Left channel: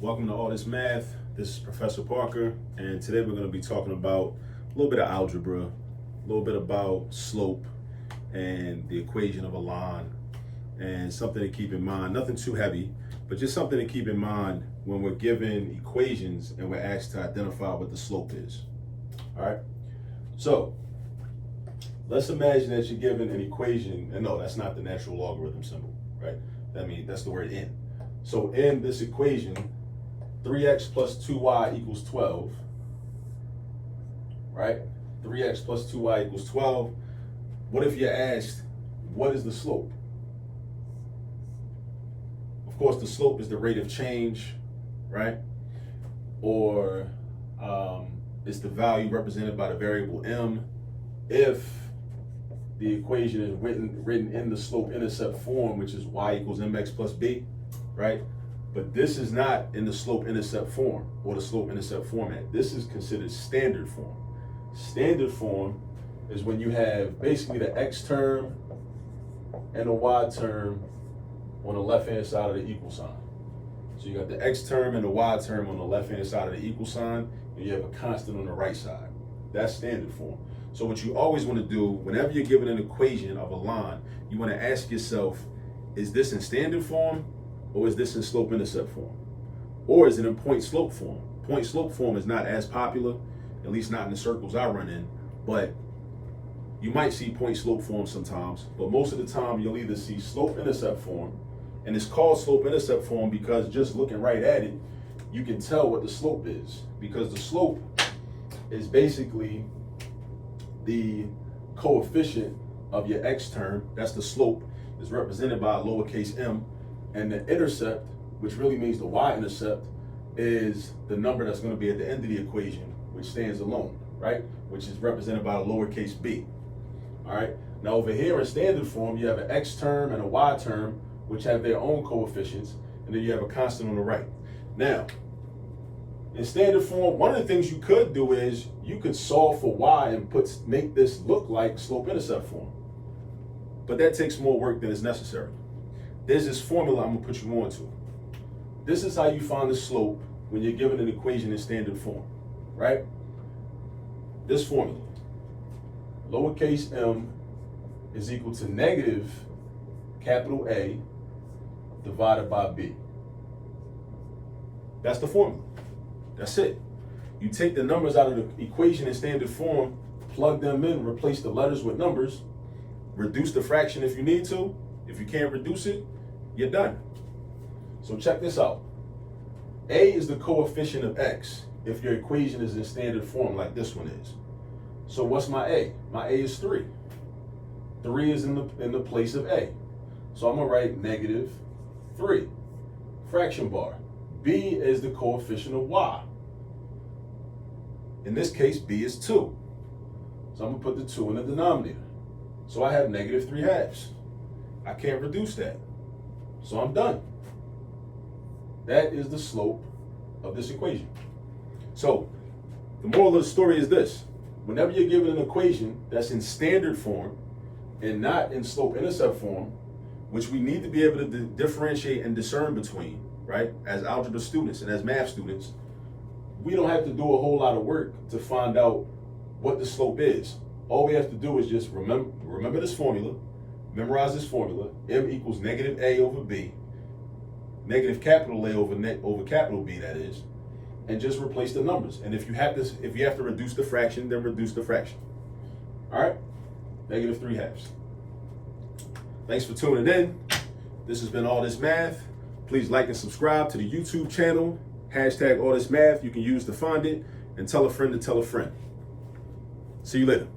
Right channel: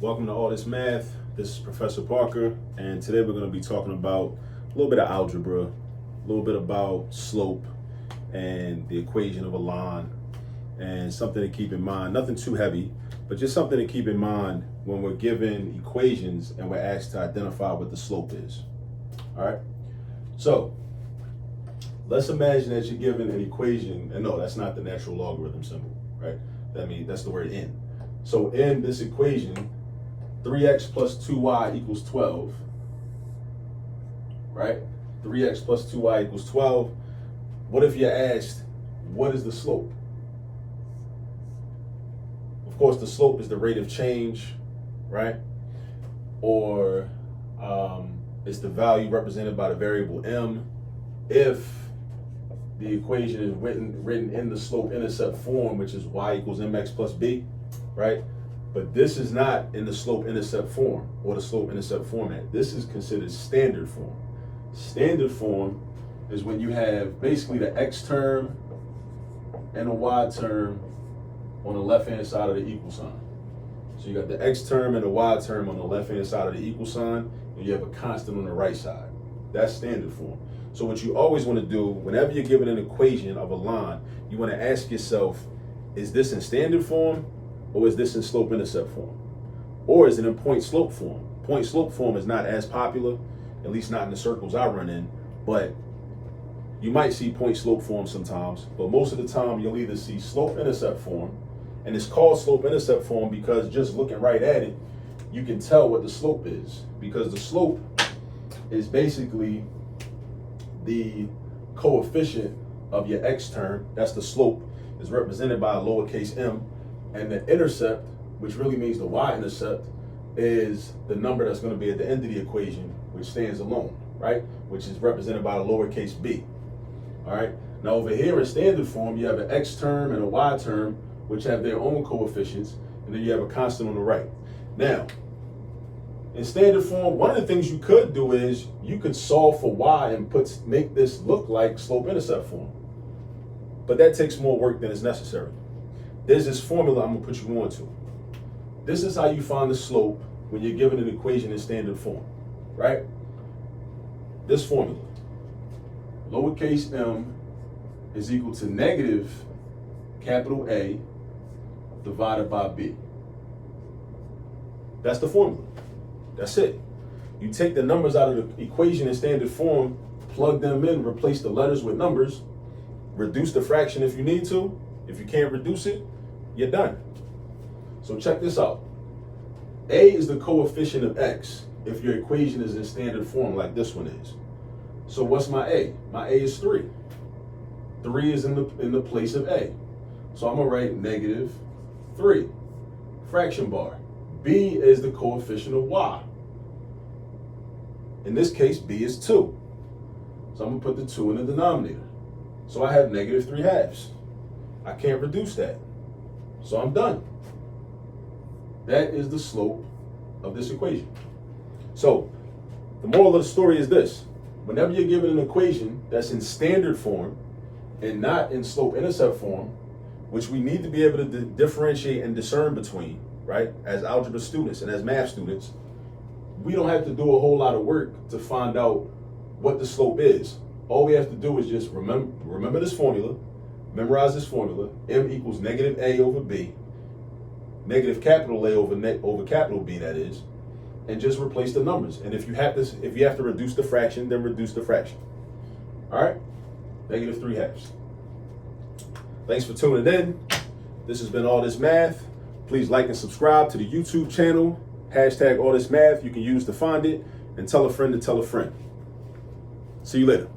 Welcome to All This Math. This is Professor Parker, and today we're going to be talking about a little bit of algebra, a little bit about slope and the equation of a line, and something to keep in mind. Nothing too heavy, but just something to keep in mind when we're given equations and we're asked to identify what the slope is. All right? So, let's imagine that you're given an equation, and no, that's not the natural logarithm symbol, right? That's the word n. So in this equation, 3x plus 2y equals 12, right? 3x plus 2y equals 12. What if you're asked, what is the slope? Of course, the slope is the rate of change, right? Or it's the value represented by the variable m if the equation is written in the slope-intercept form, which is y equals mx plus b, right? But this is not in the slope-intercept form or the slope-intercept format. This is considered standard form. Standard form is when you have basically the x term and the y term on the left-hand side of the equal sign. So you got the x term and the y term on the left-hand side of the equal sign, and you have a constant on the right side. That's standard form. So what you always want to do, whenever you're given an equation of a line, you want to ask yourself, is this in standard form or is this in slope-intercept form? Or is it in point-slope form? Point-slope form is not as popular, at least not in the circles I run in, but you might see point-slope form sometimes, but most of the time you'll either see slope-intercept form, and it's called slope-intercept form because just looking right at it, you can tell what the slope is, because the slope is basically the coefficient of your x term, that's the slope, is represented by a lowercase m, and the intercept, which really means the y-intercept, is the number that's going to be at the end of the equation, which stands alone, right? Which is represented by the lowercase b. All right. Now over here in standard form, you have an x term and a y term, which have their own coefficients, and then you have a constant on the right. Now, in standard form, one of the things you could do is you could solve for y and make this look like slope-intercept form. But that takes more work than is necessary. There's this formula I'm gonna put you on to. This is how you find the slope when you're given an equation in standard form, right? This formula, lowercase m is equal to negative capital A divided by b. That's the formula. That's it. You take the numbers out of the equation in standard form, plug them in, replace the letters with numbers, reduce the fraction if you need to. If you can't reduce it, you're done. So check this out. A is the coefficient of x if your equation is in standard form like this one is. So what's my A? My A is 3. 3 is in the place of A. So I'm gonna write negative 3, fraction bar. B is the coefficient of y. In this case, B is 2. So I'm gonna put the 2 in the denominator. So I have negative 3 halves. I can't reduce that. So I'm done. That is the slope of this equation. So the moral of the story is this. Whenever you're given an equation that's in standard form and not in slope-intercept form, which we need to be able to differentiate and discern between, right, as algebra students and as math students, we don't have to do a whole lot of work to find out what the slope is. All we have to do is just remember this formula, memorize this formula, m equals negative a over b, negative capital A over capital B, that is, and just replace the numbers. And if you have to reduce the fraction, then reduce the fraction. All right, negative 3 halves. Thanks for tuning in. This has been All This Math. Please like and subscribe to the YouTube channel, #AllThisMath. You can use to find it, and tell a friend to tell a friend. See you later.